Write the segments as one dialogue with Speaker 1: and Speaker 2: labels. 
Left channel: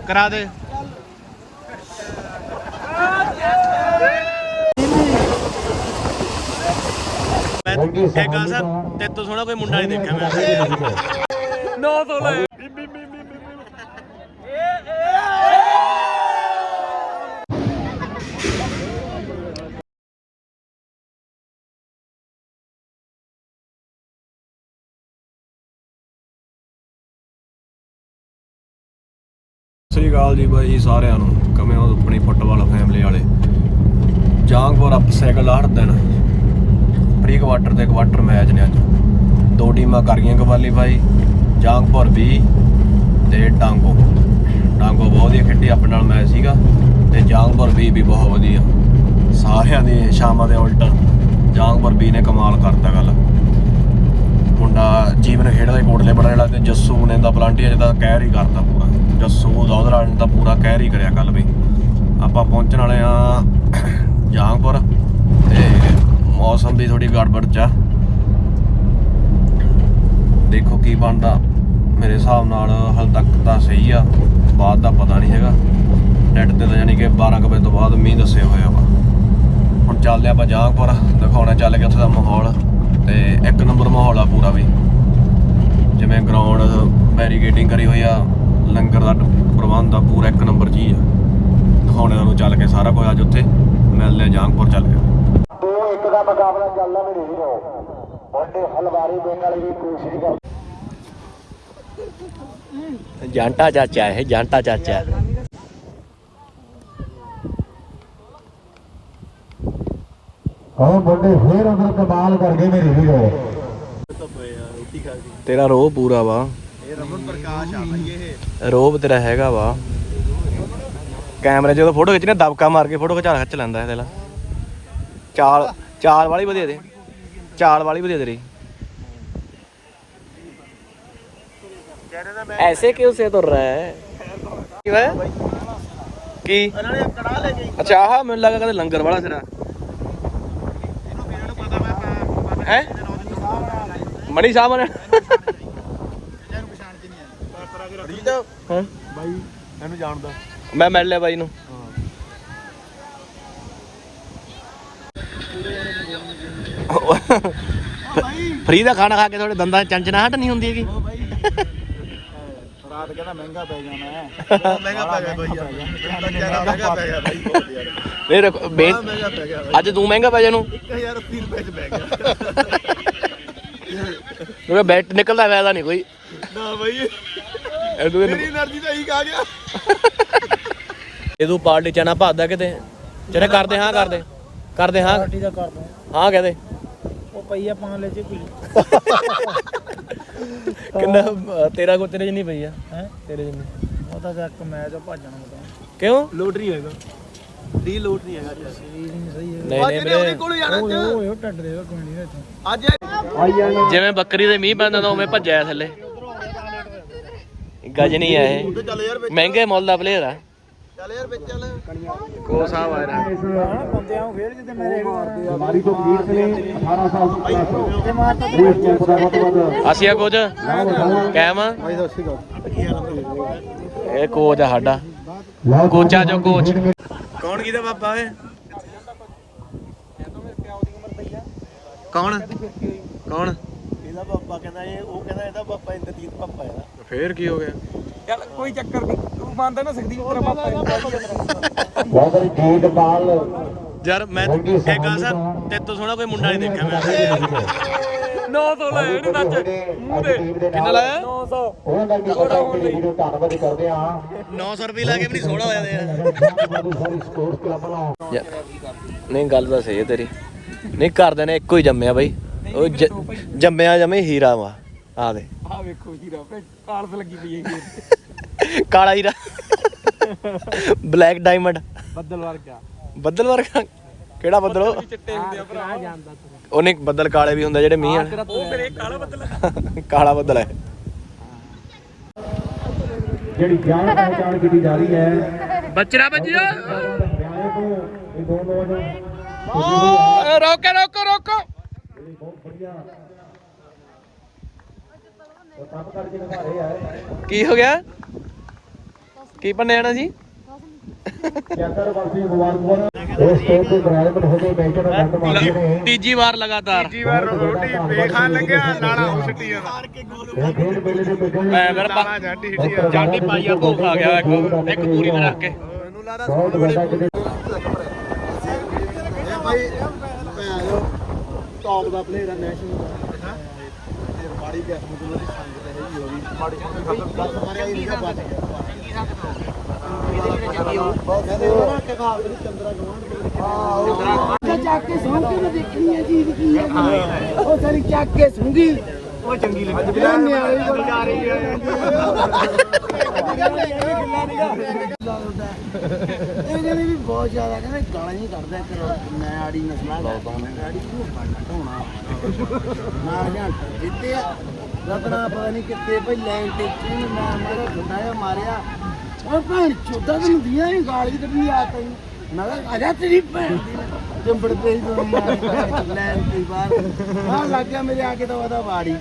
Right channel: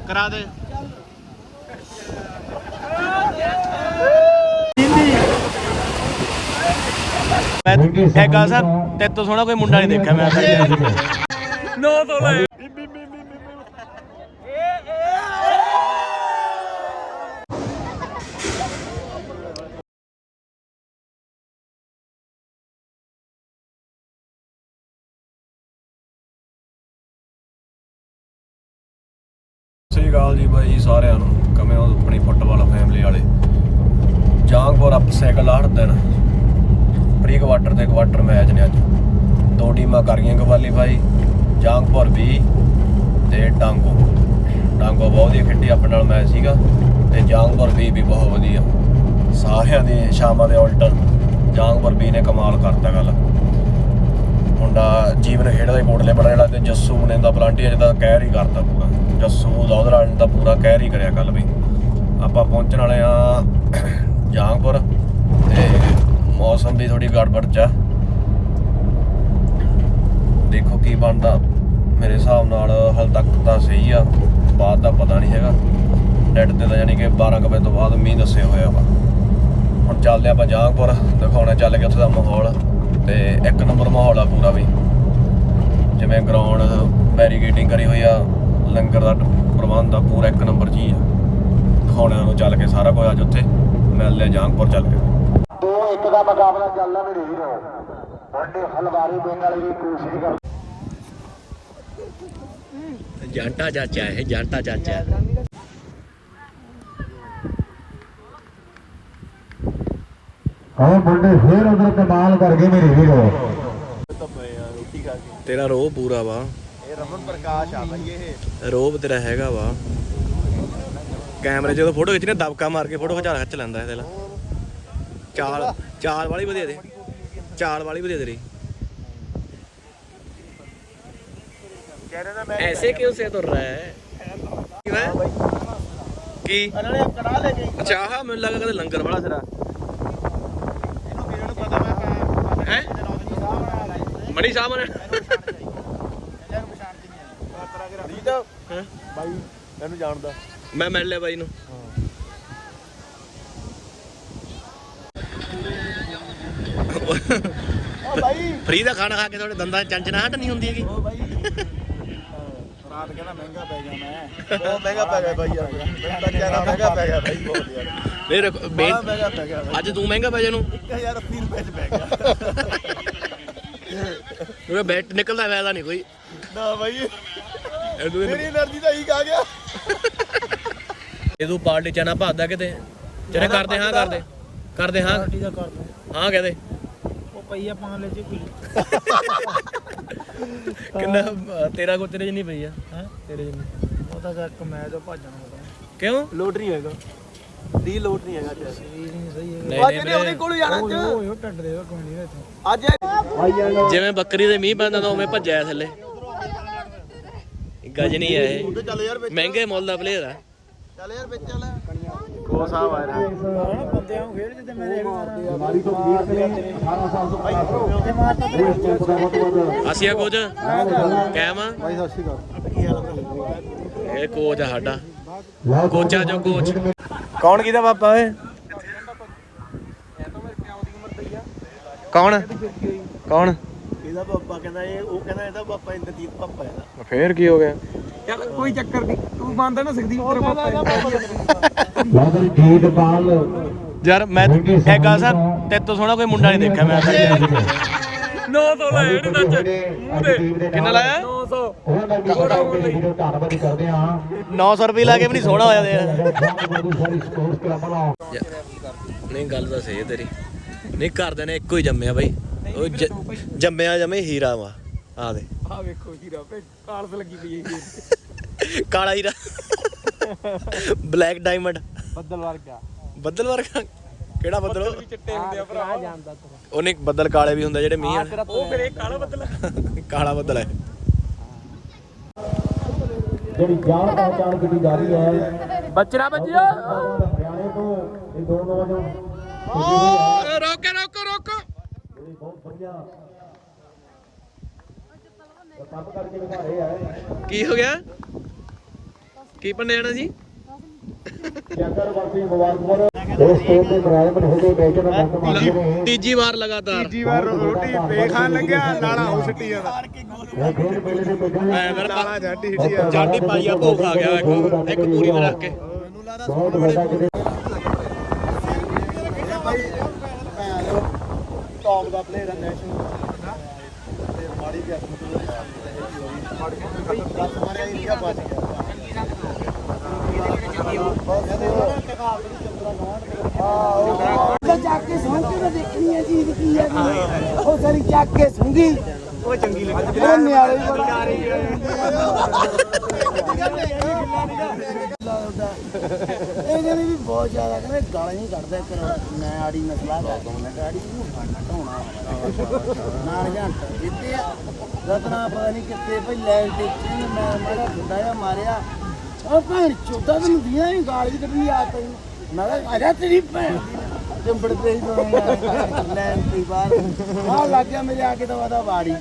Speaker 1: ਕਰਾ ਦੇ। ਮੈਂ ਇਹ ਗੱਲ ਸਰ ਤੇ ਤੋਂ ਸੋਹਣਾ ਕੋਈ ਮੁੰਡਾ ਨਹੀਂ ਦੇਖਿਆ ਮੈਂ ਨੋ ਤੋਂ ਲੈ।
Speaker 2: ਸ਼੍ਰੀ ਅਕਾਲ ਜੀ ਬਾਈ ਸਾਰਿਆਂ ਨੂੰ, ਕਿਵੇਂ ਹੋ ਆਪਣੀ ਫੁੱਟਬਾਲ ਫੈਮਿਲੀ ਵਾਲੇ? ਜਾਂਗਪੁਰ ਅਪ ਸਾਈਕਲ ਹਰ ਦਿਨ ਪ੍ਰੀ ਕੁਆਟਰ ਤੇ ਕੁਆਟਰ ਮੈਚ ਨੇ ਅੱਜ। ਦੋ ਟੀਮਾਂ ਕਰ ਗਈਆਂ ਕੁਆਲੀਫਾਈ ਜਾਂਗਪੁਰ ਵੀ ਤੇ ਡਾਂਗੋ। ਡਾਂਗੋ ਬਹੁਤ ਵਧੀਆ ਖੇਡੀ ਆਪਣੇ ਨਾਲ ਮੈਚ ਸੀਗਾ ਤੇ ਜਾਂਗਪੁਰ ਵੀ ਵੀ ਬਹੁਤ ਵਧੀਆ। ਸਾਰਿਆਂ ਦੀ ਸ਼ਾਮਾਂ ਦੇ ਉਲਟ ਜਾਂਗਪੁਰ ਵੀ ਨੇ ਕਮਾਲ ਕਰਤਾ ਗੱਲ। ਮੁੰਡਾ ਜੀਵਨ ਖੇਡਦਾ ਹੀ ਕੋਟਲੇ ਬੜਾ ਜਿਹੜਾ ਤੇ ਜੱਸੂ ਨੇ ਦਾ ਪਲਾਂਟੀ ਅਜੇ ਕਹਿਰ ਹੀ ਕਰਦਾ ਪੂਰਾ। ਜੱਸੂ ਦੌਦਰਾਲ ਨੇ ਤਾਂ ਪੂਰਾ ਕਹਿਰ ਹੀ ਕਰਿਆ ਕੱਲ ਵੀ। ਆਪਾਂ ਪਹੁੰਚਣ ਵਾਲੇ ਆ ਜਾਂਗਪੁਰ ਤੇ ਮੌਸਮ ਦੀ ਥੋੜੀ ਗੜਬੜ ਚ ਦੇਖੋ ਕੀ ਬਣਦਾ। ਮੇਰੇ ਹਿਸਾਬ ਨਾਲ ਹਲ ਤੱਕ ਤਾਂ ਸਹੀ ਆ। ਬਾਅਦ ਦਾ ਪਤਾ ਨਹੀਂ ਹੈਗਾ। ਨੈਟ ਤੇ ਤਾਂ ਯਾਨੀ ਕਿ 12 ਕੁ ਵਜੇ ਤੋਂ ਬਾਅਦ ਮੀਂਹ ਦੱਸਿਆ ਹੋਇਆ ਵਾ ਹੁਣ ਚੱਲਦੇ ਆਪਾਂ ਜਾਂਗਪੁਰ ਦਿਖਾਉਣਾ ਚੱਲ ਕੇ ਉੱਥੇ ਦਾ ਮਾਹੌਲ। ਤੇ ਇੱਕ ਨੰਬਰ ਮਾਹੌਲ ਆ ਪੂਰਾ ਵੀ। ਜਿਵੇਂ ਗਰਾਊਂਡ ਬੈਰੀਕੇਡਿੰਗ ਕਰੀ ਹੋਈ ਆ ਲੰਗਰ ਦਾ ਪ੍ਰਬੰਧ ਆ ਪੂਰਾ ਇੱਕ ਨੰਬਰ ਜੀ ਆ। ਦਿਖਾਉਣਾ ਨੂੰ ਚੱਲ ਕੇ ਸਾਰਾ ਕੁਝ ਅੱਜ ਉੱਥੇ ਮਿਲਦੇ ਆ ਜਾਂਗਪੁਰ ਚੱਲ ਕੇ।
Speaker 3: ਦੋ ਇੱਕ ਦਾ ਮੁਕਾਬਲਾ ਚੱਲਦਾ ਮੇਰੇ ਵੀਰੋ ਵੱਡੇ ਹਲਵਾਰੀ ਦੇਣ ਵਾਲੀ ਵੀ ਕੋਸ਼ਿਸ਼ ਕਰ
Speaker 1: ਜਾਂਟਾ ਚਾਚਾ ਹੈ ਜਾਂਟਾ ਚਾਚਾ।
Speaker 3: ਹਾਂ ਵੱਡੇ ਫੇਰ ਅੰਦਰ ਕਮਾਲ ਕਰ ਗਏ ਮੇਰੇ ਵੀਰੋ
Speaker 1: ਤੇਰਾ ਰੋਹ ਪੂਰਾ ਵਾ ਰੋਬ ਤੇਰਾ ਹੈਗਾ ਵਾ ਕੈਮਰੇ ਜਦੋਂ ਫੋਟੋ ਖਿੱਚਣੇ ਦਬਕਾ ਮਾਰ ਕੇ ਫੋਟੋ ਖਿਚਾ ਖਿੱਚ ਲੈਂਦਾ ਇਹਦੇ ਲਾ ਚਾਲ ਚਾਲ ਵਾਲੀ ਵਧੀਆ ਦੇ ਚਾਲ ਵਾਲੀ ਵਧੀਆ ਤੇਰੀ ऐसे क्यों से तुर रहा है ਕੀ ਹੋਇਆ ਕੀ ਅੱਛਾ ਆਹ ਮੈਨੂੰ ਲੱਗਾ ਕਦੇ ਹੈ? ਮਣੀ ਸਾਹਿਬ ਨੇ। ਹਾਂ।
Speaker 2: ਬਾਈ ਇਹਨੂੰ ਜਾਣਦਾ
Speaker 1: ਮੈਂ ਮਿਲ ਲਿਆ ਬਾਈ ਨੂੰ। ਫਰੀ ਦਾ ਖਾਣਾ ਖਾ ਕੇ ਥੋੜੇ ਦੰਦਾਂ 'ਚ ਚੰਚਣਾ ਹਟ ਨਹੀਂ ਹੁੰਦੀ ਹੈਗੀ।
Speaker 3: ਮੈਂ।
Speaker 1: ਰੱਖ
Speaker 3: ਬੇਨ
Speaker 1: ਅੱਜ ਤੂੰ ਮਹਿੰਗਾ ਪੈ ਜਾਨੂੰ?
Speaker 3: 1080 ਰੁਪਏ ਚ ਪੈ ਗਿਆ।
Speaker 1: ਉਹ ਬੈਟ ਨਿਕਲਦਾ ਫਾਇਦਾ ਨਹੀਂ ਕੋਈ।
Speaker 3: ਨਾ ਬਾਈ।
Speaker 1: ਇਹਨੂੰ
Speaker 3: ਮੇਰੀ એનર્ਜੀ ਤਾਂ ਹੀਕ ਆ ਗਿਆ।
Speaker 1: ਇਹਦੋਂ ਪਾਰਟੀ ਚਣਾ ਭਾਦਾ ਕਿਤੇ। ਚਲੇ ਕਰਦੇ ਹਾਂ ਕਰਦੇ। ਕਰਦੇ ਹਾਂ। ਹਾਂ ਕਹਦੇ।
Speaker 3: ਉਹ ਪਈਆ ਪਾਣ ਲੈ ਜੇ ਕੋਈ।
Speaker 1: ਕਿੰਨਾ ਅਹ, ਤੇਰਾ ਕੋ ਤੇਰੇ ਜਿੰਨੀ ਪਈ ਆ।
Speaker 3: ਹੈ?
Speaker 1: ਤੇਰੇ ਜਿੰਨੀ।
Speaker 3: ਉਹ ਤਾਂ ਚੱਕ ਮੈਚ ਭੱਜਣਾ ਮਤਾਂ
Speaker 1: ਕਿਉਂ?
Speaker 3: ਲੋਟਰੀ ਹੈਗਾ। ਦੀ ਲੋਟ ਨਹੀਂ ਹੈਗਾ ਸਹੀ
Speaker 1: ਨਹੀਂ ਨਹੀਂ ਵੀਰੇ।
Speaker 3: ਓਏ ਓਏ ਉਹ ਟੱਡ ਦੇਗਾ ਕੋਈ ਨਹੀਂ ਅੱਜ
Speaker 1: ਜਿਵੇਂ ਬੱਕਰੀ ਦੇ ਮੀਂਹ ਪੈਂਦਾ ਤਾਂ ਉਵੇਂ ਭੱਜਿਆ ਥੱਲੇ। ਗੱਜ ਨਹੀਂ ਆ ਇਹ। ਮਹਿੰਗੇ ਮੁੱਲ ਦਾ ਪਲੇਅਰ ਆ।
Speaker 3: ਚੱਲ ਯਾਰ ਵਿੱਚ ਚੱਲ।
Speaker 1: ਕੋਸਾ ਵਾਲਾ
Speaker 3: ਬੰਦਿਆਂ ਨੂੰ ਖੇਡ ਜਿੱਤੇ ਮੈਂ ਰੇਡ ਮਾਰੀ ਤੋਂ ਵੀਰ ਨੇ 18 ਸਾਲ ਤੋਂ ਪਲੱਸ ਤੇ ਮਾਰਤਾ ਤੇ ਇਸ ਕੈਂਪ ਦਾ ਬਹੁਤ ਵੱਧ
Speaker 1: ਅਸੀਂ ਆ ਕੋਚ ਕੈਮ ਆ?
Speaker 3: ਸਤਿ ਸ਼੍ਰੀ ਅਕਾਲ।
Speaker 1: ਇਹ ਕੋਚ ਆ ਸਾਡਾ। ਕੋਚਾ ਜੋ ਕੋਚ। ਕੌਣ ਕਿਹਦਾ ਪਾਪਾ ਓਏ? ਕੌਣ? ਕੌਣ?
Speaker 3: ਇਹਦਾ ਪਾਪਾ ਕਹਿੰਦਾ ਇਹ ਉਹ ਕਹਿੰਦਾ ਇਹਦਾ ਪਾਪਾ ਇੰਦਰਜੀਤ ਪਾਪਾ ਹੈ
Speaker 1: ਫੇਰ ਕੀ ਹੋ ਗਿਆ?
Speaker 3: ਚੱਲ ਕੋਈ ਚੱਕਰ ਨਹੀਂ ਤੂੰ ਮੰਨਦਾ ਨਾ ਸਕਦੀ ਤੇਰਾ ਪਾਪਾ ਹੈ।
Speaker 4: ਬਹੁਤ ਸਾਰੀ ਗੀਤ ਬਾਲ
Speaker 1: ਯਾਰ ਮੈਂ ਇਹ ਗੱਲ ਸਰ ਤੇਰੇ ਤੋਂ ਸੋਹਣਾ ਕੋਈ ਮੁੰਡਾ ਨਹੀਂ ਦੇਖਿਆ ਮੈਂ 900 ਲੈ ਇਹਨੇ ਸੱਚ ਕਿੰਨਾ ਲਾਇਆ?
Speaker 3: 900
Speaker 4: ਉਹ ਕਰਕੇ ਕੋੜਾ ਹੋਣ ਲਈ। ਵੀਡੀਓ ਧੰਨਵਾਦ ਕਰਦੇ ਹਾਂ
Speaker 1: 900 ਰੁਪਏ ਲਾ ਕੇ ਵੀ ਨਹੀਂ ਸੋਹਣਾ ਹੋਇਆ ਤੇ
Speaker 4: ਸਾਰੀ ਨਾਲ
Speaker 1: ਨਹੀਂ ਗੱਲ ਤਾਂ ਸਹੀ ਹੈ ਤੇਰੀ। ਨਹੀਂ ਘਰਦੇ ਨੇ ਇੱਕੋ ਹੀ ਜੰਮਿਆ ਬਾਈ। ਉਹ ਜ- ਜੰਮਿਆ ਜਮੇ ਹੀਰਾ ਵਾ ਆ ਦੇ।
Speaker 3: ਆ ਵੇਖੋ ਹੀਰਾ ਭੇ ਕਾਲਸ ਲੱਗੀ ਪਈ ਹੈ
Speaker 1: ਕਾਲਾ ਹੀਰਾ। Black diamond.
Speaker 3: ਬੱਦਲ ਵਰਗਾ।
Speaker 1: ਬੱਦਲ ਵਰਗਾ? ਕਿਹੜਾ ਬੱਦਲ ਉਹ
Speaker 3: ਚਿੱਟੇ ਹੁੰਦੇ ਆ ਭਰਾ ਜਾਂਦਾ ਤੂੰ
Speaker 1: ਉਹਨੇ ਬੱਦਲ ਕਾਲੇ ਵੀ ਹੁੰਦੇ ਜਿਹੜੇ ਮੀਂਹ ਆ।
Speaker 3: ਉਹ ਮੇਰੇ ਕਾਲੇ ਬੱਦਲ
Speaker 1: ਕਾਲਾ ਬੱਦਲ ਹੈ।
Speaker 4: ਜਿਹੜੀ ਜਾਨ ਪਹਿਚਾਣ ਕੀਤੀ ਜਾ ਰਹੀ ਹੈ।
Speaker 1: ਬੱਚਰਾ ਬੱਜਿਆ
Speaker 4: ਹਰਿਆਣੇ ਤੋਂ ਇਹ ਦੋ ਨੌਜਵਾਨ ਖੁਸ਼ੀ ਹੋਈ ਹੈ
Speaker 1: ਰੋਕੋ ਰੋਕੋ ਰੋਕੋ।
Speaker 4: ਜਿਹੜੀ ਬਹੁਤ ਵਧੀਆ। ਉਹ ਕੰਮ ਕਰਕੇ ਦਿਖਾ ਰਹੇ ਹੈ
Speaker 1: ਕੀ ਹੋ ਗਿਆ? ਕੀ ਪੰਨੇ ਆਣਾ ਜੀ ਤੀਜੀ ਵਾਰ ਲਗਾਤਾਰ।
Speaker 4: ਜੀ ਵਾਰ ਰੋਟੀ ਵੇਖਾ ਲੰਗਿਆ ਨਾਲਾ ਹੋ ਸਿੱਟੀ ਆ ਇਹ ਖੇਡ ਮੇਲੇ ਦੀ ਕੋਈ
Speaker 1: ਮੈਂ ਫਿਰ ਪਾ- ਜਾਂਡੀ ਪਾਈ ਆ ਭੋਗ ਆ ਗਿਆ ਇੱਕ। ਇੱਕ ਪੂਰੀ ਤੇ ਰੱਖ ਕੇ
Speaker 4: ਬਹੁਤ ਵੱਡਾ ਕਿਤੇ
Speaker 3: ਇਹ ਭਾਈ ਭੈਣ ਟੌਪ ਦਾ ਪਲੇਅਰ ਹੈ ਨੈਸ਼ਨਲ ਤੇ ਮਾੜੀ ਗੈਸ ਨੂੰ ਉਹਦੀ ਸੰਗ ਤੇ ਹੀ ਹੋ ਗਈ। ਮਾੜੀ ਸੰਗ ਬਸ ਮਾਰਿਆ ਹੀ ਨਹੀਂ ਬਸ। ਚੰਗੀ ਸੰਗ ਤੋਂ ਇਹਦੇ ਲਈ ਚੰਗੀ ਹੋ ਇਹਦੇ ਨਾਲ ਕਿ ਘਰ ਦੀ ਚੰਦਰਾ ਗਵਾਂਢ ਪਤਾ
Speaker 5: ਤਾਂ ਚੱਕ ਕੇ ਸੁਣ ਕੇ ਤਾਂ ਦੇਖਣੀ ਹੈ ਚੀਜ਼ ਕੀ ਹੈ ਉਹ ਸਾਰੀ ਚੱਕ ਕੇ ਸੁੰਗੀ
Speaker 3: ਉਹ ਚੰਗੀ ਲੱਗਦੀ।
Speaker 5: ਇਹ ਨਿਆਰੇ ਵੀ ਬੜਾ ਇਹ ਜਿਹੜੀ ਵੀ ਬਹੁਤ ਜ਼ਿਆਦਾ ਕਹਿੰਦੇ ਗਾਲਾਂ ਹੀ ਕੱਢਦਾ ਕਰੋ ਮੈਂ ਆੜੀ ਨਸਲਾ ਕਰ ਮੈਂ ਕਿਹਾ ਆੜੀ ਨੂੰ ਫੜਨਾ ਢੋਣਾ ਨਾਲ ਜੰਟ ਦਿੱਤੇ ਆ। ਰਤਨਾ ਪਤਾ ਨਹੀਂ ਕਿੱਥੇ ਭਈ ਲੈਣ ਤੇ ਇਹਨੇ ਮੈਂ ਮਾਰਾ ਖੁੱਡਾ ਜਿਹਾ ਮਾਰਿਆ। ਉਹ ਭੈਣ ਚੋਦਾ ਤੈਨੂੰ ਦੀਆਂ ਹੀ ਗਾਲ ਵੀ ਕੱਢਣੀ ਆ ਤੈਨੂੰ ਮੈਂ ਕਿਹਾ, ਆ ਜਾ ਤੇਰੀ ਭੈਣ ਦੀ ਚੰਬੜ ਤੇ ਹੀ ਦੋਏ ਯਾਰ ਲੈਣ ਤੇ ਹੀ ਬਾਹਰ। ਆ ਲੱਗ ਗਿਆ ਮੇਰੇ ਆ ਕੇ ਤਾਂ ਵਾਦਾ ਵਾੜੀ।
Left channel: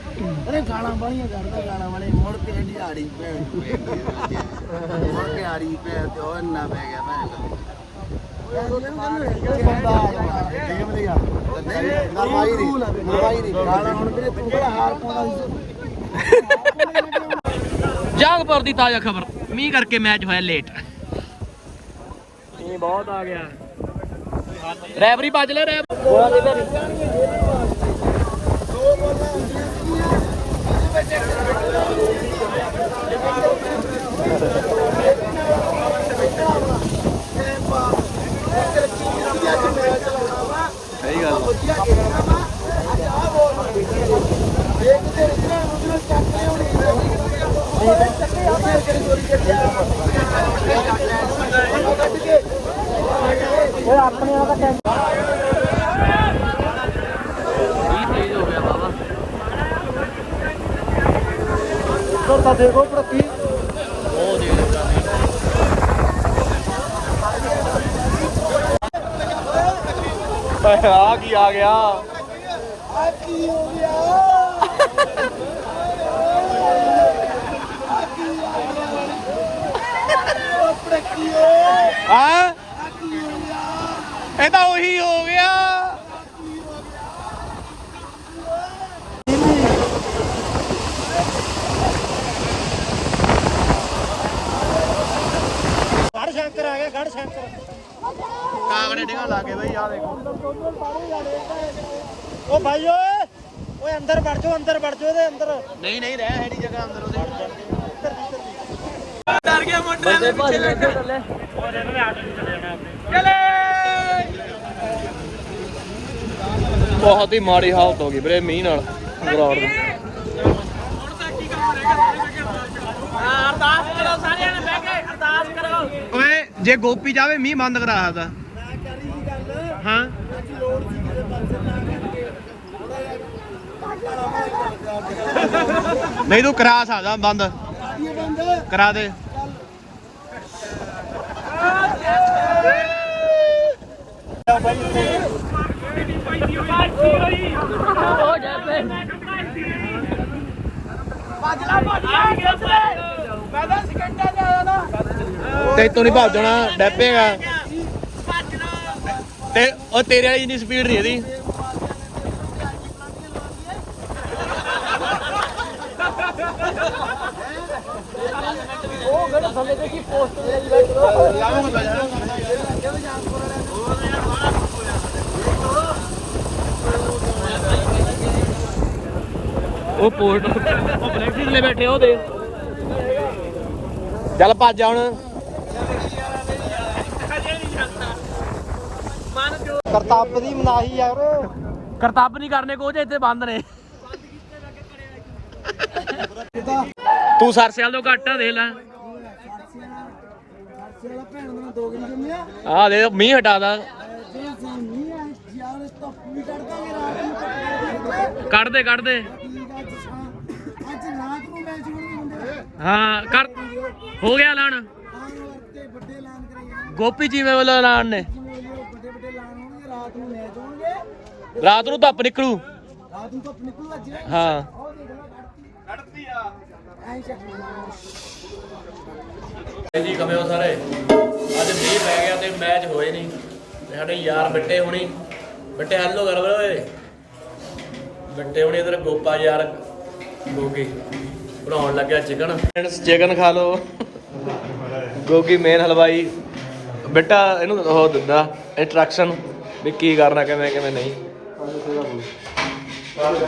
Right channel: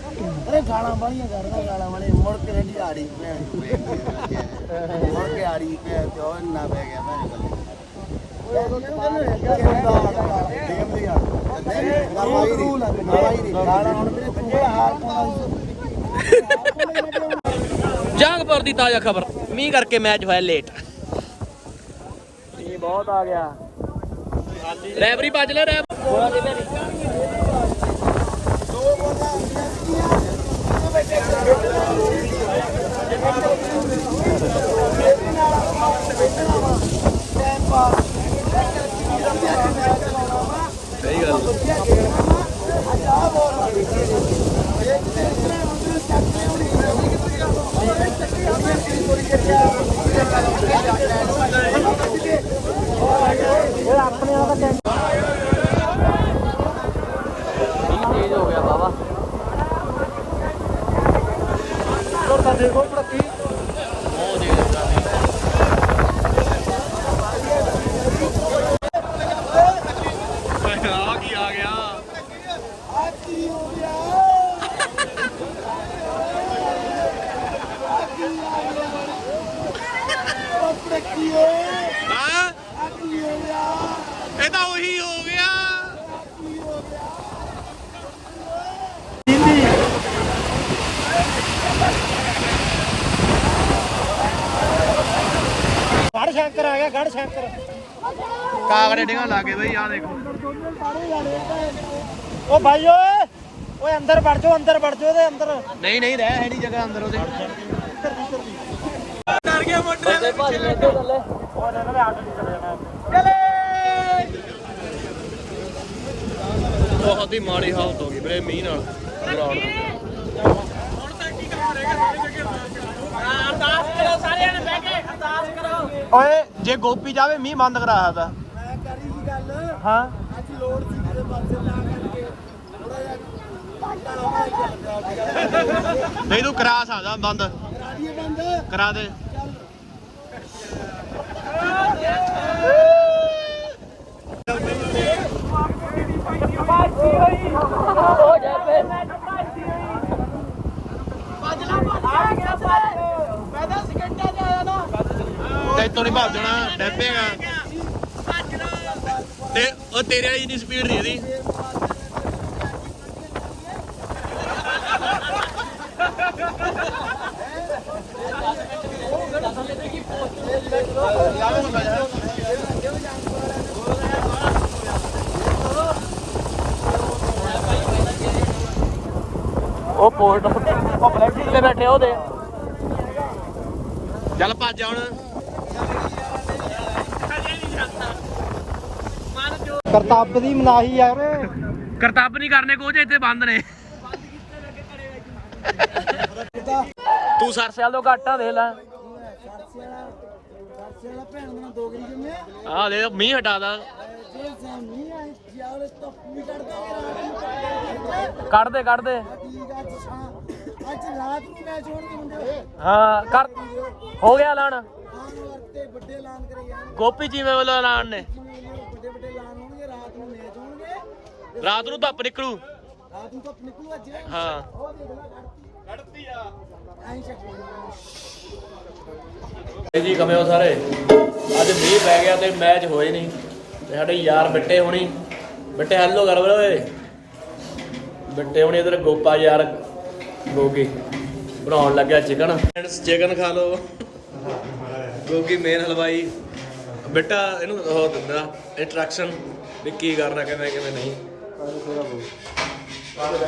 Speaker 5: ਅਰੇ ਗਾਲਾਂ ਬਾਲੀਆਂ ਕਰਦਾ, ਗਾਲਾਂ ਵਾਲੇ। ਮੁੜ ਕੇ ਹੱਡੀ ਆੜੀ ਭੈਣ ਨੂੰ ਪੈ ਗਈ ਮੁੜ ਕੇ ਆੜੀ ਭੈਣ ਤੇ ਉਹ ਇੰਨਾ ਪੈ ਗਿਆ ਭੈਣ
Speaker 1: ਜੰਗਪੁਰ ਦੀ ਤਾਜ਼ਾ ਖਬਰ। ਮੀਂਹ ਕਰਕੇ ਮੈਚ ਹੋਇਆ ਲੇਟ
Speaker 2: ਮੀਂਹ ਬਹੁਤ ਆ ਗਿਆ।
Speaker 1: ਰੈਫਰੀ ਭੱਜ ਲੈ ਰੈਫ ਸਹੀ ਗੱਲ ਆ। ਆ ਕੀ ਆ ਗਿਆ? ਹਾਂ ਇਹ ਤਾਂ ਉਹੀ ਹੋ ਗਿਆ
Speaker 3: ਗੜ ਸ਼ੰਕਰ ਆ ਗਿਆ ਗੜ ਸ਼ੰਕਰ
Speaker 1: ਕਾਗੜੇ ਡਿੰਗਾ ਲਾਗੇ ਬਈ ਆ ਦੇਖੋ।
Speaker 3: ਉਹ ਭਾਈ ਓਏ ਓਏ ਅੰਦਰ ਵੜ ਜਾਓ ਅੰਦਰ ਵੜ ਜਾਓ ਇਹਦੇ ਅੰਦਰ।
Speaker 1: ਨਹੀਂ ਨਹੀਂ ਰਹਿ ਨਹੀਂ ਜਗ੍ਹਾ ਅੰਦਰ ਉਹਦੇ। ਬਹੁਤ ਹੀ ਮਾੜੀ ਹਾਲਤ ਹੋ ਗਈ ਵੀਰੇ ਮੀਂਹ ਨਾਲ ਗਰਾਊਂਡ ਦੀ। ਓਏ ਜੇ ਗੋਪੀ ਜਾਵੇ ਮੀਂਹ ਬੰਦ ਕਰਾ ਸਕਦਾ
Speaker 5: ਮੈਂ ਕਰੀ ਸੀ ਗੱਲ।
Speaker 1: ਹਾਂ।
Speaker 5: ਅੱਜ ਲੋੜ ਸੀ ਕਿਤੇ ਪਰਸਨ ਲਾ ਕੇ
Speaker 1: ਨਹੀਂ ਤੂੰ ਕਰਾ ਸਕਦਾ ਬੰਦ। ਕਰਾ ਦੇ। ਤੇ ਤੋਂ ਨਹੀਂ ਭੱਜ ਜਾਣਾ ਡੈਪੇਗਾ ਤੇ ਉਹ ਤੇਰੇ ਵਾਲੀ ਜਿੰਨੀ ਸਪੀਡ ਨਹੀਂ ਇਹਦੀ। ਉਹ ਪੋਰਟ ਉਹ ਫਲੈਕਸੀ ਜਿਲੇ ਬੈਠੇ ਉਹਦੇ। ਚੱਲ ਭੱਜ ਜਾ ਹੁਣ।
Speaker 3: ਕਰਤੱਬ ਦੀ ਮਨਾਹੀ ਯਾਰ।
Speaker 1: ਕਰਤੱਬ ਨਹੀਂ ਕਰਨੇ ਕੋਚ ਇੱਥੇ ਬੰਦ ਨੇ। ਤੂੰ ਸਰਸਿਆਲ ਤੋਂ ਘੱਟ ਲੈ
Speaker 5: ਭੈਣ ਦਾ ਦੋ ਗਰੀ ਜੰਮਿਆ
Speaker 1: ਆ ਦੇ ਮੀਂਹ ਹਟਾ ਦਾ
Speaker 5: ਜਿਹੜਾ ਸਾਮੀ ਆ ਯਾਰ ਰਾਤ ਨੂੰ
Speaker 1: ਕੱਢ ਦੇ ਕੱਢ ਦੇ
Speaker 5: ਅੱਜ ਸ਼ਾਮ ਅੱਜ ਰਾਤ ਨੂੰ ਮੈਚ ਹੋਣਗੇ ਮੁੰਡੇ
Speaker 1: ਹਾਂ ਕਰ ਹੋ ਗਿਆ ਐਲਾਨ
Speaker 5: ਵੱਡੇ ਕਰੇ ਜਾਣ
Speaker 1: ਗੋਪੀ ਜੀਵੇਂ ਵੱਲੋਂ ਐਲਾਨ ਨੇ
Speaker 5: ਜਿਵੇਂ ਵੀ ਉਹ ਵੱਡੇ ਵੱਡੇ ਐਲਾਨ ਹੋਣਗੇ ਰਾਤ ਨੂੰ ਮੈਚ ਹੋਣਗੇ
Speaker 1: ਰਾਤ ਨੂੰ ਧੁੱਪ ਨਿਕਲੂ।
Speaker 5: ਰਾਤ ਨੂੰ ਧੁੱਪ ਨਿਕਲੂ ਅੱਜ
Speaker 1: ਹਾਂ।
Speaker 5: ਉਹ ਦੇਖ ਲੈ ਕੱਢਤੀ। ਕੱਢਤੀ ਆ। ਐਂ ਚੱਕ
Speaker 1: ਜੀ ਕਮੇ ਹੋ ਸਾਰੇ? ਅੱਜ ਮੀਂਹ ਪੈ ਗਿਆ ਤੇ ਮੈਚ ਹੋਏ ਨਹੀਂ। ਤੇ ਸਾਡੇ ਯਾਰ ਬਿੱਟੇ ਹੋਣੀ। ਬਿੱਟੇ ਹੈਲੋ ਕਰ ਓਏ। ਬਿੱਟੇ ਹੋਣੀ ਇਧਰ ਗੋਪਾ ਯਾਰ ਗੋਗੀ। ਬਣਾਉਣ ਲੱਗਿਆ ਚਿਕਨ। ਫਰੈਂਡਸ ਚਿਕਨ ਖਾ ਲਓ। ਗੋਗੀ ਮੇਨ ਹਲਵਾਈ। ਬੇਟਾ ਇਹਨੂੰ ਉਹ ਦਿੰਦਾ। ਇੰਸਟਰਕਸ਼ਨ ਵੀ ਕੀ ਕਰਨਾ, ਕਿਵੇਂ ਕਿਵੇਂ ਨਹੀਂ।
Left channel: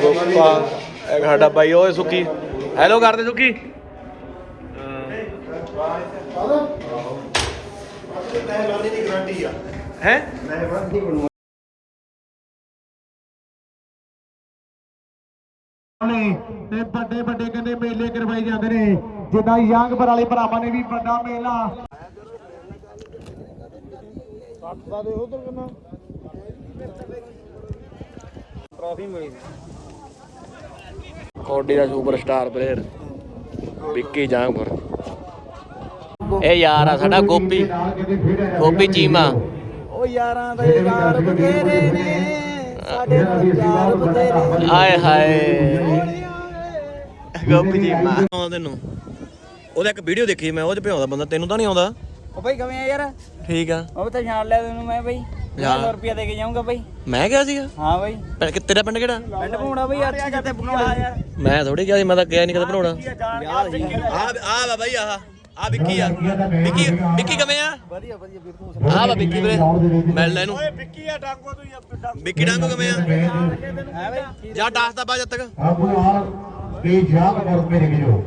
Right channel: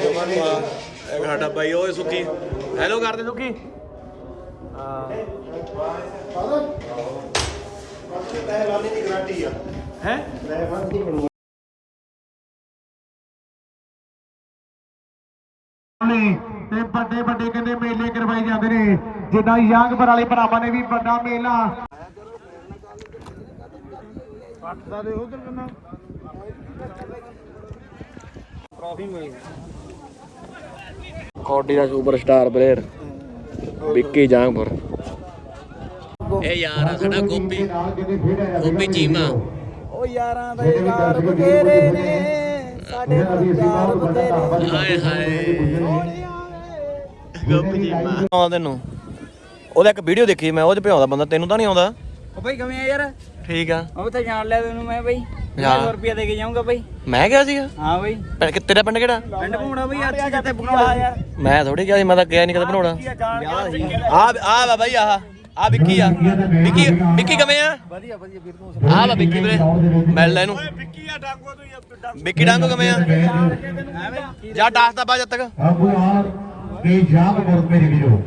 Speaker 1: ਗੋਪਾ, ਇਹ ਸਾਡਾ ਬਾਈ, ਓਏ ਸੁੱਕੀ ਹੈਲੋ ਕਰਦੇ ਸੁੱਕੀ ਹੈ?
Speaker 4: ਨੇ ਤੇ ਵੱਡੇ ਵੱਡੇ ਕਹਿੰਦੇ ਮੇਲੇ ਕਰਵਾਏ ਜਾਂਦੇ ਨੇ। ਜਿੱਦਾਂ ਯੰਗਪੁਰ ਵਾਲੇ ਭਰਾਵਾਂ ਨੇ ਵੀ ਵੱਡਾ ਮੇਲਾ।
Speaker 1: ਕੌਡੀ ਦਾ ਸੁਪਰਸਟਾਰ ਪਲੇਅਰ ਵਿੱਕੀ ਜਾਂਗਪੁਰ ਇਹ ਯਾਰ ਆ ਸਾਡਾ ਗੋਪੀ ਗੋਪੀ ਚੀਮਾ।
Speaker 5: ਉਹ ਯਾਰਾਂ ਦੇ ਯਾਰ ਬਥੇਰੇ ਨੇ ਸਾਡੇ ਨਾਲ ਯਾਰ ਬਥੇਰੇ
Speaker 1: ਆਏ ਹਾਏ ਗੋਪੀ ਚੀਮਾ। ਆਉਂਦਾ ਤੈਨੂੰ। ਉਹਦਾ ਇੱਕ ਵੀਡੀਓ ਦੇਖੀ ਮੈਂ ਉਹ ਚ ਭਿਆਉਂਦਾ ਬੰਦਾ ਤੈਨੂੰ ਤਾਂ ਨਹੀਂ ਆਉਂਦਾ?
Speaker 5: ਉਹ ਬਈ ਕਿਵੇਂ ਆ ਯਾਰ?
Speaker 1: ਠੀਕ ਆ।
Speaker 5: ਉਹ ਤਾਂ ਜਾਣ ਲਿਆ ਤੈਨੂੰ ਮੈਂ ਬਈ।
Speaker 1: ਹਾਂ।
Speaker 5: 100 ਰੁਪਿਆ ਦੇ ਕੇ ਜਾਊਂਗਾ ਬਈ।
Speaker 1: ਮੈਂ ਕਿਹਾ ਸੀਗਾ?
Speaker 5: ਹਾਂ ਬਈ।
Speaker 1: ਪਿੰਡ- ਕਿ ਤੇਰਾ ਪਿੰਡ ਕਿਹੜਾ?
Speaker 5: ਪਿੰਡ ਭੂਣਾ ਬਈ ਅੱਜ ਜਿੱਤੇ ਬਣਾਉਣਾ ਸੀ।
Speaker 1: ਮੈਂ ਥੋੜੀ ਕਿਹਾ ਸੀ ਮੈਂ ਤਾਂ ਕਿਹਾ ਨਹੀਂ ਕਦੇ ਬਣਾਉਣਾ। ਆ ਆ ਵਾ ਬਾਈ ਆਹ ਆ ਵਿੱਕੀ ਆ। ਵਿੱਕੀ ਵਿੱਕੀ ਕਿਵੇਂ ਆ?
Speaker 5: ਵਧੀਆ ਵਧੀਆ ਵੀਰ ਤੂੰ
Speaker 1: ਆ ਵਾ ਵਿੱਕੀ ਵੀਰੇ ਮਿਲ ਲੈ ਇਹਨੂੰ। ਵਿੱਕੀ ਡਾਂਗੋ ਕਿਵੇਂ ਆ? ਜਾ ਦੱਸ ਦਾ ਬਾਅਦ ਤੱਕ।
Speaker 4: ਅਬੂਲਾਲ ਕੇ ਯੰਗਪੁਰ ਮੇਰੇ ਵੀਰੋ।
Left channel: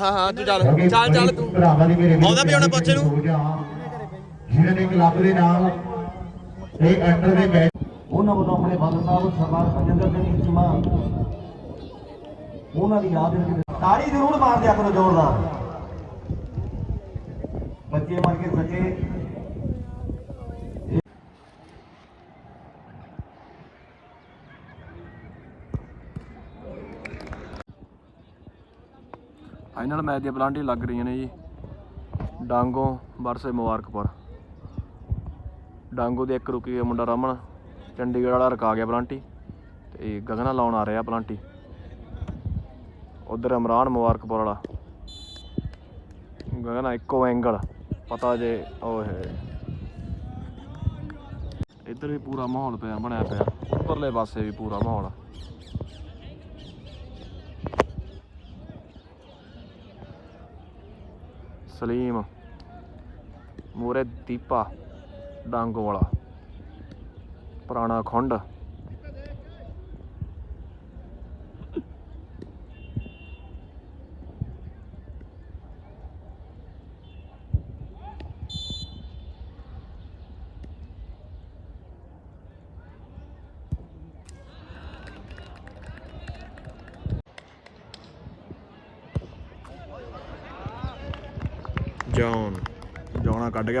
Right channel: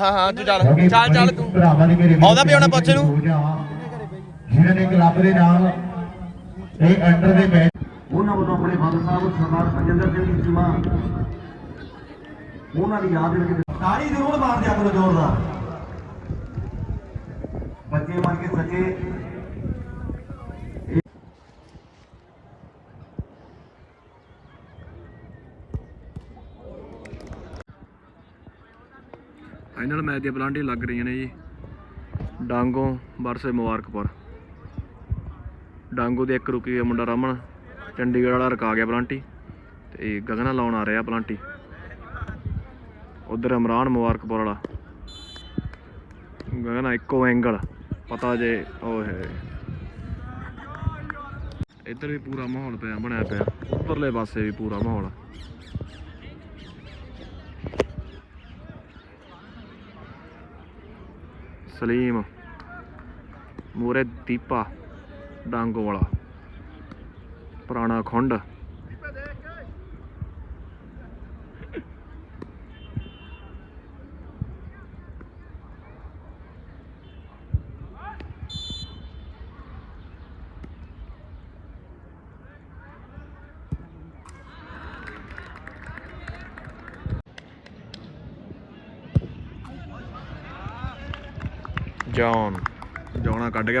Speaker 1: ਹਾਂ ਹਾਂ ਤੂੰ ਚੱਲ। ਚੱਲ ਚੱਲ ਤੂੰ।
Speaker 4: ਨੇ
Speaker 1: ਆਉਂਦਾ ਵੀ ਆਉਣਾ ਪੁੱਛ ਇਹਨੂੰ।
Speaker 4: ਜਿਹਨਾਂ ਨੇ ਕਲੱਬ ਦੇ ਨਾਲ ਇਹ ਅੰਡਰ ਦੇ ਮੈਚ ਉਹਨਾਂ ਵੱਲੋਂ ਆਪਣੇ ਫਾਦਰ ਸਾਹਿਬ ਸਰਦਾਰ ਬਜਿੰਦਰ ਸਿੰਘ ਚੀਮਾ ਉਹਨਾਂ ਦੀ ਯਾਦ ਵਿੱਚ ਤਾੜੀ ਜ਼ਰੂਰ ਮਾਰ ਦਿਆ ਕਰੋ ਜ਼ੋਰਦਾਰ। ਬੱਚੇ ਮਰ ਕੇ ਸੱਚੇ
Speaker 1: ਫਾਈਨਲ ਮੈਚ ਦੀਆਂ ਪਲਾਂਟੀ ਲੱਗ ਰਹੀਆਂ ਨੇ ਜੀ। ਡਾਂਗੋ ਵਰਸੇ ਮੁਬਾਰਕਪੁਰ। ਡਾਂਗੋ ਦੇ ਇੱਕ ਰੁਕੀ ਹੋਇਆ ਮੁੰਡਾ ਰਮਨ, ਚੰਡੀਗੜ੍ਹ ਵਾਲਾ ਰਕਾ ਗਿਆ ਪਲਾਂਟੀ ਤੇ ਗਗਨਾ ਲਾਉਣ ਆ ਰਿਹਾ ਪਲਾਂਟੀ। ਉਧਰ ਇਮਰਾਨ ਮੁਬਾਰਕਪੁਰ ਵਾਲਾ। ਗਗਨਾ ਇੱਕੋ ਐਂਗਲ ਪਤਾ ਜੇ, ਓਏ ਇੱਧਰ ਵੀ ਪੂਰਾ ਮਾਹੌਲ ਪਿਆ, ਬਣਿਆ ਪਿਆ। ਉੱਪਰਲੇ ਪਾਸੇ ਵੀ ਪੂਰਾ ਮਾਹੌਲ। ਸਲੀਮ ਮੂਰੇ ਦੀਪਾ। ਡਾਂਗ ਵਾਲਾ ਪੁਰਾਣਾ ਖੁੰਡ। ਜੌਨ। ਜੌਨਾ ਕੱਢ ਗਿਆ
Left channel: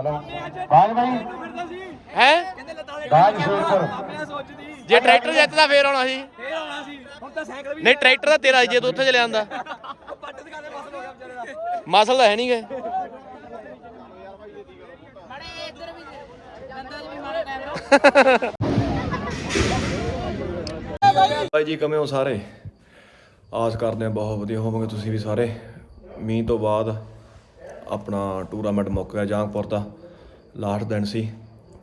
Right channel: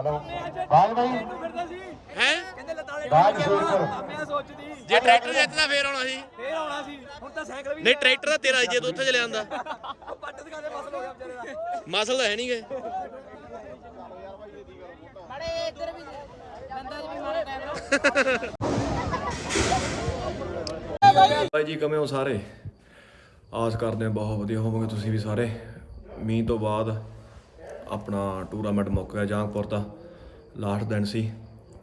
Speaker 4: ਬਾਜ
Speaker 1: ਹੈ?
Speaker 4: ਬਾਜ
Speaker 1: ਜੇ ਟਰੈਕਟਰ ਜਿੱਤਦਾ ਫੇਰ ਆਉਣਾ ਸੀ।
Speaker 5: ਫੇਰ ਆਉਣਾ ਸੀ। ਹੁਣ ਤਾਂ ਸਾਈਕਲ ਵੀ
Speaker 1: ਨਹੀਂ ਟਰੈਕਟਰ ਤਾਂ ਤੇਰਾ ਸੀ ਜੇ ਤੂੰ ਉੱਥੇ ਚਲੇ ਜਾਂਦਾ।
Speaker 5: ਪੱਟ ਦਿਖਾ ਦੇ ਮਸਲ ਹੋ ਗਿਆ ਵਿਚਾਰੇ ਦਾ।
Speaker 1: ਮਸਲ ਤਾਂ ਹੈ ਨਹੀਂਗੇ
Speaker 5: ਮੜੇ ਇੱਧਰ ਵੀ ਗੰਦਾ ਜਿਹਾ ਵੀ ਮਾਰਾ ਕੈਮਰਾ
Speaker 2: ਬਾਈ ਜੀ ਕਿਵੇਂ ਹੋ ਸਾਰੇ? ਆਸ ਕਰਦੇ ਹਾਂ ਬਹੁਤ ਵਧੀਆ ਹੋਵੋਗੇ ਤੁਸੀਂ ਵੀ ਸਾਰੇ। ਮੀਂਹ ਤੋਂ ਬਾਅਦ ਆਪਣਾ ਟੂਰਨਾਮੈਂਟ ਮੁੱਕ ਗਿਆ ਜਾਂਗਪੁਰ ਦਾ। ਲਾਸਟ ਦਿਨ ਸੀ,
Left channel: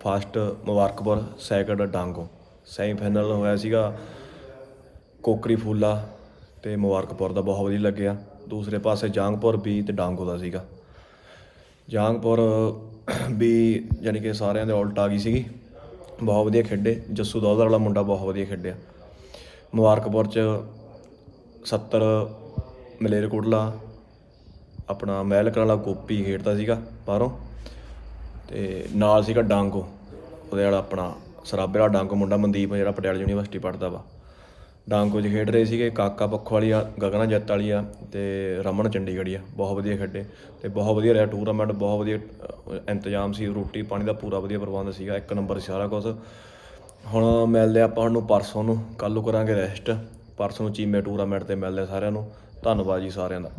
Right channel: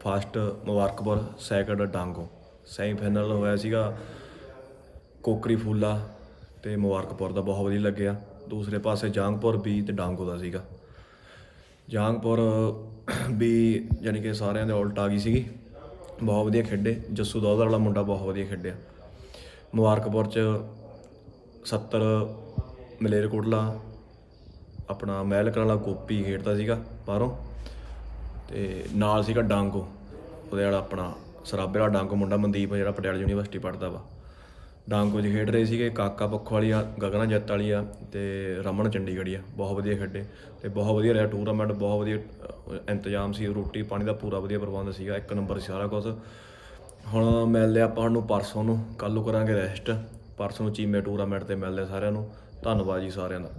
Speaker 2: first Mubarakpur, second Dango. Semifinal ਹੋਇਆ ਸੀਗਾ ਕੋਕਰੀ ਫੂਲਾ ਤੇ ਮੁਬਾਰਕਪੁਰ ਦਾ ਬਹੁਤ ਵਧੀਆ ਲੱਗਿਆ। ਦੂਸਰੇ ਪਾਸੇ ਜਾਂਗਪੁਰ ਵੀ ਤੇ ਡਾਂਗੋ ਦਾ ਸੀਗਾ। ਜਾਂਗਪੁਰ ਵੀ ਯਾਨੀ ਕਿ ਸਾਰਿਆਂ ਦੇ ਉਲਟ ਆ ਗਈ ਸੀਗੀ। ਬਹੁਤ ਵਧੀਆ ਖੇਡੇ। ਜੱਸੂ ਦੌਦਰ ਵਾਲਾ ਮੁੰਡਾ ਬਹੁਤ ਵਧੀਆ ਖੇਡਿਆ। ਮੁਬਾਰਕਪੁਰ ਚ 70 ਮਲੇਰਕੋਟਲਾ, ਆਪਣਾ ਮਹਿਲਕਰ ਵਾਲਾ ਗੋਪੀ ਖੇਡਦਾ ਸੀਗਾ ਬਾਹਰੋਂ। ਤੇ ਨਾਲ ਸੀਗਾ ਡਾਂਗੋ,
Speaker 1: ਉਹਦੇ ਵਾਲਾ ਆਪਣਾ ਸਰਾਬੇ ਵਾਲਾ ਡਾਂਗੋ, ਮੁੰਡਾ ਮਨਦੀਪ ਜਿਹੜਾ ਪਟਿਆਲਾ ਯੂਨੀਵਰਸਿਟੀ ਪੜ੍ਹਦਾ ਵਾ। ਡਾਂਗੋ 'ਚ ਖੇਡ ਰਹੇ ਸੀਗੇ, ਕਾਕਾ ਪੱਖੋ ਵਾਲੀ ਆ, ਗਗਨਾ ਜੱਤ ਵਾਲੀ ਆ ਤੇ ਰਮਨ ਚੰਡੀਗੜ੍ਹੀ ਆ, ਬਹੁਤ ਵਧੀਆ ਖੇਡੇ ਤੇ ਬਹੁਤ ਵਧੀਆ ਰਿਹਾ ਟੂਰਨਾਮੈਂਟ ਬਹੁਤ ਵਧੀਆ ਇੰਤਜ਼ਾਮ ਸੀ, ਰੋਟੀ ਪਾਣੀ ਦਾ ਪੂਰਾ ਵਧੀਆ ਪ੍ਰਬੰਧ ਸੀਗਾ, ਇੱਕ ਨੰਬਰ ਸੀ ਸਾਰਾ ਕੁਝ ਹੁਣ ਮਿਲਦੇ ਆਪਾਂ ਨੂੰ ਪਰਸੋਂ ਨੂੰ, ਕੱਲ੍ਹ ਨੂੰ ਕਰਾਂਗੇ ਰੈਸਟ ਪਰਸੋਂ ਨੂੰ ਚੀਮੇ ਟੂਰਨਾਮੈਂਟ ਤੇ ਮਿਲਦੇ ਸਾਰਿਆਂ ਨੂੰ, ਧੰਨਵਾਦ ਜੀ ਸਾਰਿਆਂ ਦਾ।